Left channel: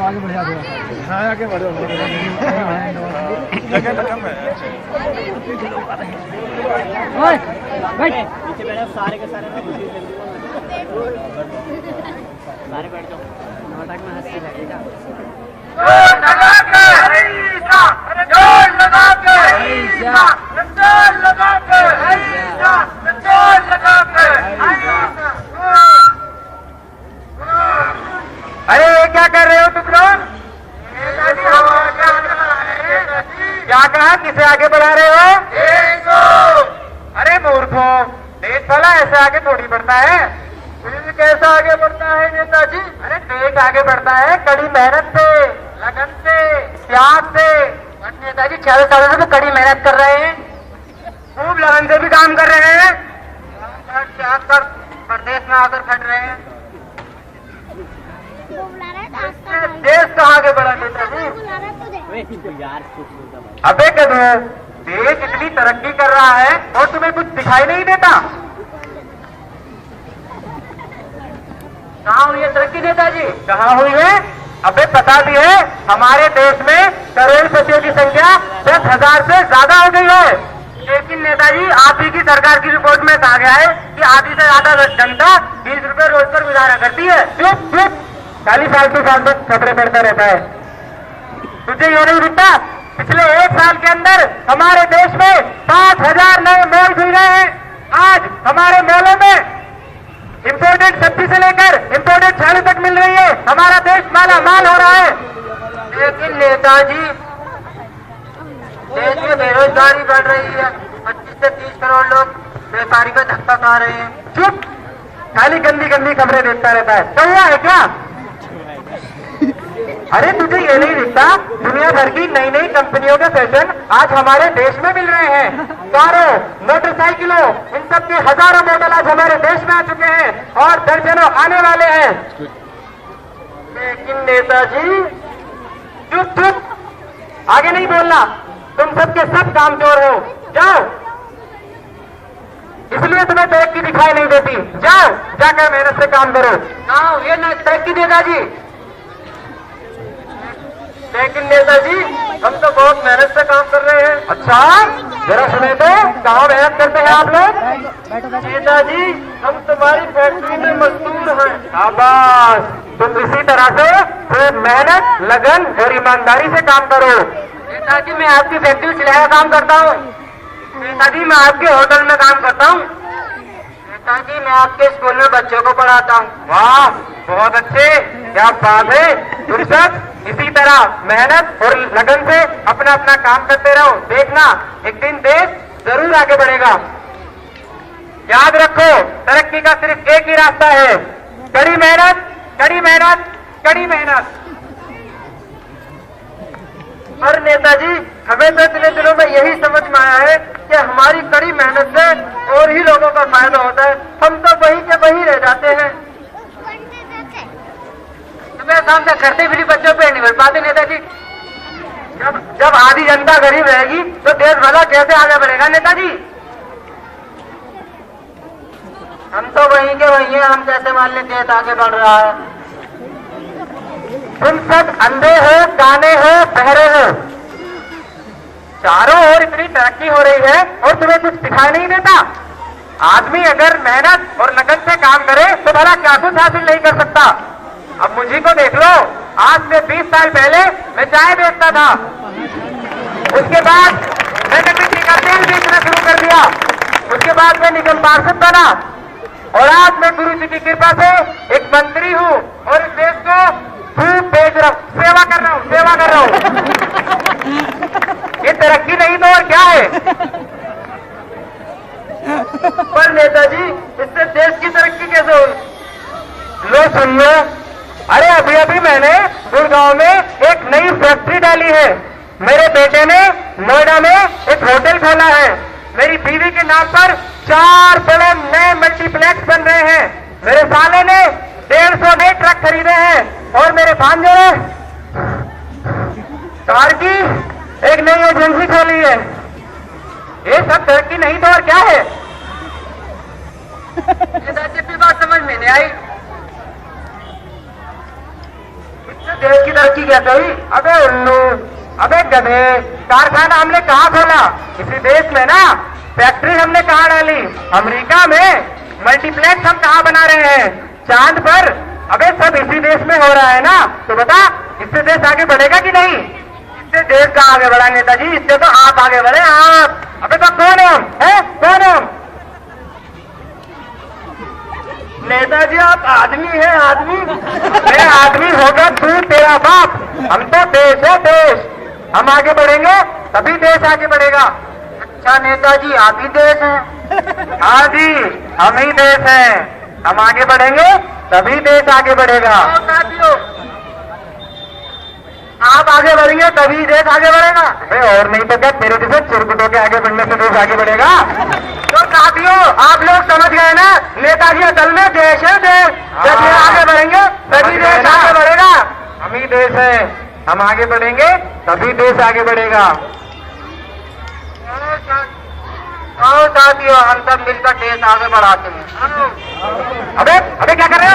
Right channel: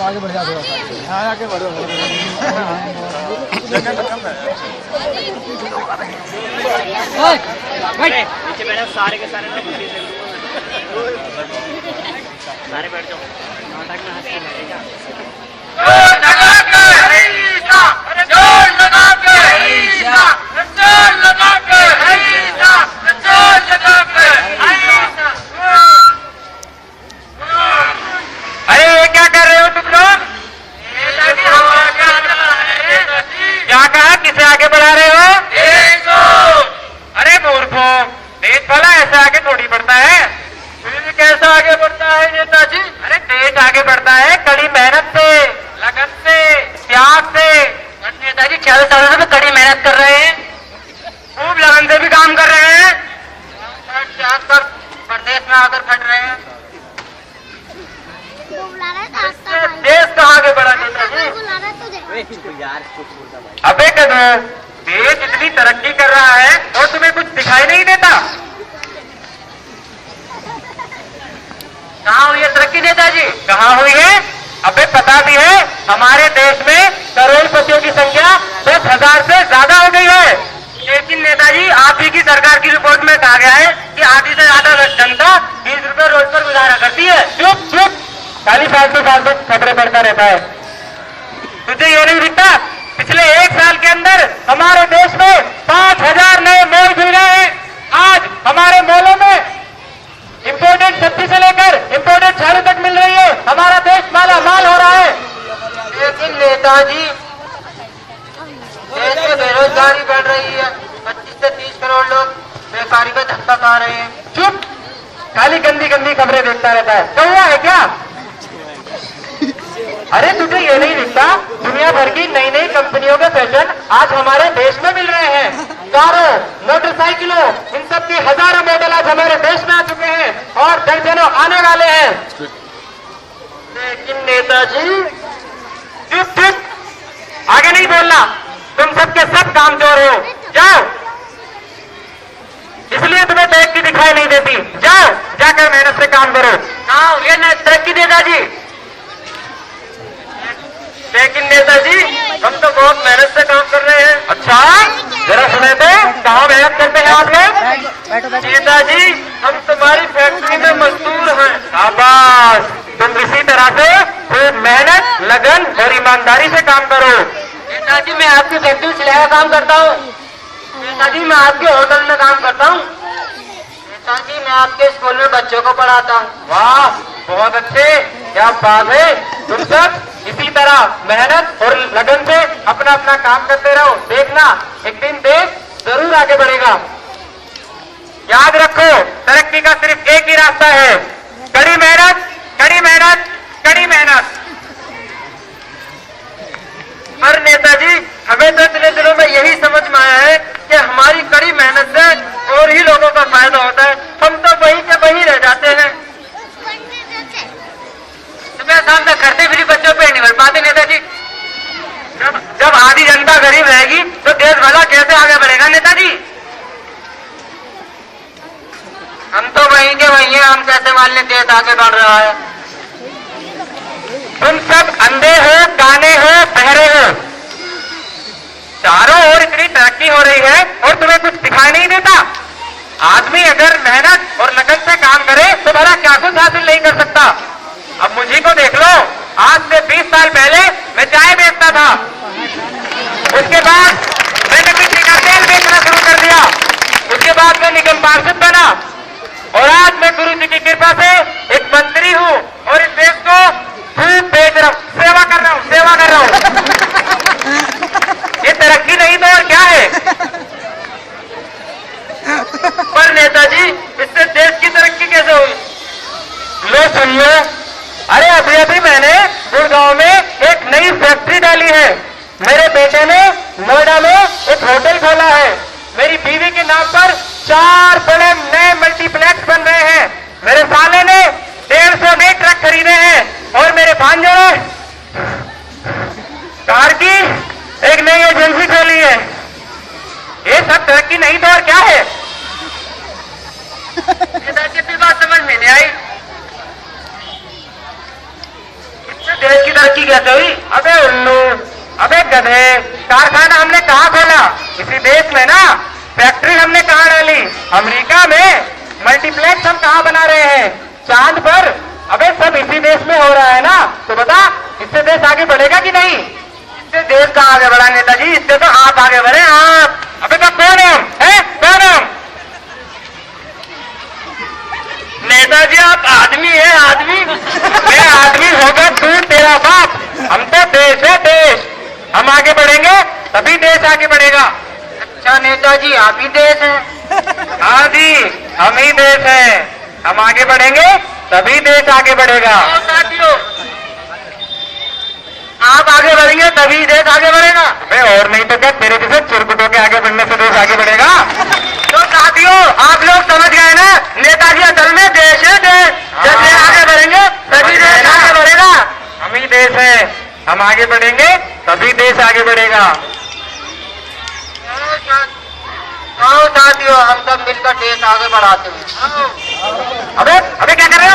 आगे बढ़ जा थोड़ा। हाँ आगे बढ़ो। जगह तो कम है। नीचे बैठो सारे के सारे ना सारे बैठ जाओ। नाटक में हंस के बैठेगा। जोर लगा के जोर लगा के जोर लगा के जोर लगा के अरे क्या कर रहे हो तुम लोग? क्या कहा? किसे आगे बढ़ा रहे हो? देश को। अरे मूर्खों, देश भला ऐसे आगे थोड़ी बढ़ता है। फिर कैसा आगे बढ़ता है नेताजी? अरे देश आगे बढ़ता है कड़ी मेहनत से, लगन से, त्याग से। नेताजी 40 सालों से कड़ी मेहनत कर रहे हैं, खूब लगन से भी काम कर रहे हैं, त्याग कर प्रदेश में आकर फट रहे हैं। देश कहाँ आगे बढ़ा नेताजी? अबे कदू, देश इतनी तरक्की कर रहा है और तुम्हें कुछ दिखाई नहीं देता? कहाँ हुई है तरक्की नेताजी? कहाँ हुई है? अबे पता भी है हमारे देश में करोड़पतियों की संख्या 10,000 से ज्यादा हो गई है। लेकिन नेताजी आप ही की सरकार की रिपोर्ट में कहा गया है कि आधी से ज्यादा जनता 20 रुपए रोज पर गुजारा करती है। चुप चुप, खाली फालतू फालतू खबरें पढ़ता रहता है। तुझे ये नहीं दिखता पिछले 1 साल के अंदर हमारे देश में 5,000 नए मॉल खुल गए हैं। आज हमारे मॉलों में इंपोर्टेड सब्जी से लेकर इंपोर्टेड साड़ी तक मिल रही है। हमारा देश माला माल हो रहा है। लेकिन नेताजी देश में बेरोजगारी बढ़ रही है। 25 से 30 करोड़ लोग बेकारी का धक्का खा रहे हैं। चुप, खाली गंदी गंदी खबरें देखता रहता है। तो हुआ है क्या? अरे तुझे ये नहीं दिखता दुनिया भर की नई नई कंपनियों के फैशन आज हमारे देश में मिल रहे हैं। कारों, मोटरसाइकिलों, इन सब के हजारों मॉडल आज हमारे देश में आ चुके हैं और दर्जनों आने वाले हैं। लेकिन नेताजी चुप चुप, आगे नहीं बोलना। तुम सबके सब कामचोर हो, जाओ। इसलिए तुम्हें तरक्की दिखाई नहीं देती। जाओ, जाकर मेहनत से काम करो। हाँ ये न तरक्की नेताजी। लेकिन नेताजी हम तो बहुत मेहनत से काम कर रहे हैं। अच्छा, जरा सुने तो, कहाँ मेहनत करते हैं आप लोग? नेताजी हम तुम्हारी फैक्ट्री में मजदूर हैं। शाबाश, तुम इसी तरह से खूब मेहनत, लगन और ईमानदारी से काम करो। नेताजी मैं आपकी फैक्ट्री सिलाई का काम करता हूँ। नेताजी मैं आपके होटल में काम करता हूँ। नेताजी मैं आपके स्कूल में बच्चों को पढ़ाता हूँ। वाह, बहुत अच्छे, क्या बात है। तुम सब इसी तरह मेहनत और लगन से अपना अपना काम करते रहो। देखना एक दिन देश जरूर आगे बढ़ेगा। याद रखो, तरक्की का सिर्फ एक ही रास्ता है, कड़ी मेहनत, कड़ी मेहनत, कड़ी मेहनत। और नेताजी हमें तो इतने दिनों में यही समझ में आया है कि हमारी कड़ी मेहनत से और ही लोगों का फायदा होता है। हम तो वहीं के वहीं रह जाते हैं। सुबह शाम तक करते फिर बच्चों पे नहीं बढ़ पाते नेताजी। जब आधी जनता गरीब रहेगी तो देश भला कैसे आगे बढ़ेगा नेताजी? हम तो वहीं के वहीं हैं, हम कैसे मान लें देश आगे बढ़ रहा है? तुम सब अंधे हो, काने हो, बहरे हो। चारों ओर इतनी तरक्की हो रही है और तुम्हें कुछ दिखाई नहीं देता। आदमी अगर मेहनत और लगन से काम करे तो भला क्या कुछ हासिल नहीं कर सकता। अब मुझे को देख लो, आज से 20 साल पहले मैं चाय बेचता था। उसके बाद मैंने मिट्टी का तेल बेचना शुरू कर दिया। उसके बाद मैं निगम पार्षद बना और आज मैं गुरु जी की कृपा से एक मंत्री हूँ और इस देश को खूब बेच रहा हूँ, सेवा कर रहा हूँ, सेवा कर रहा हूँ। ये तरक्की नहीं तो और क्या है? पर नेताजी इससे देश की तरक्की कैसे हुई? लो सुन लो, अरे अभी अभी मैंने गुड़गांव में एक नई फैक्ट्री डाली है। मेरे बेटे ने नोएडा में एक होटल खोला है। मेरी बीवी के नाम पर 4 बड़े नए मल्टीप्लेक्स बन रहे हैं। मेरे साले ने 150 नए ट्रक खरीदे हैं और मेरे भांजे ने कार की एक नई एजेंसी खोली है। ये सब तरक्की नहीं तो और क्या है? कितनी बात समझ में नहीं आई। देश की तरक्की क्या कही? अबे उल्लू, अबे गधे, कारखाना हमने कहाँ खोला? किसी देश में ना। फैक्ट्री हमने कहाँ डाली? अमेरिका में। मल्टीप्लेक्स हम कहाँ बना रहे हैं? चांद पर। अबे सब इसी देश में हो रहा है ना। तो बता, इससे देश आगे बढ़ेगा कि नहीं? इससे देश कहाँ आगे बढ़ा नेताजी? इससे तो आप आगे बढ़े, आप। अबे तो कौन है हम? है कौन हम? नेताजी आप आदमी है, आदमी। मैं आदमी होगा तू तेरा बाप। हम तो देश है, देश। हम आगे बढ़ेंगे तभी देश आगे बढ़ेगा। अच्छा नेताजी आप ही देश हैं? हाँ जी, हम ही देश हैं। हम आगे बढ़ेंगे तभी देश आगे बढ़ेगा। साथियों, आप आगे बढ़ेंगे तभी देश आगे बढ़ेगा। अरे और नहीं तो क्या, तेरे जैसे चुरकुटों के आगे बढ़ने से देश आगे बढ़ेगा? तो साथियों, आप लोग समझ गए ना, नेताजी असल में देश है, देश। जब ये आगे बढ़ेंगे तभी देश आगे बढ़ेगा। हम ही देश है, हम आगे बढ़ेंगे तभी देश आगे बढ़ेगा। साथियों, हम सब मिलकर देश आगे बढ़ाते हैं। अबे क्या कर रहे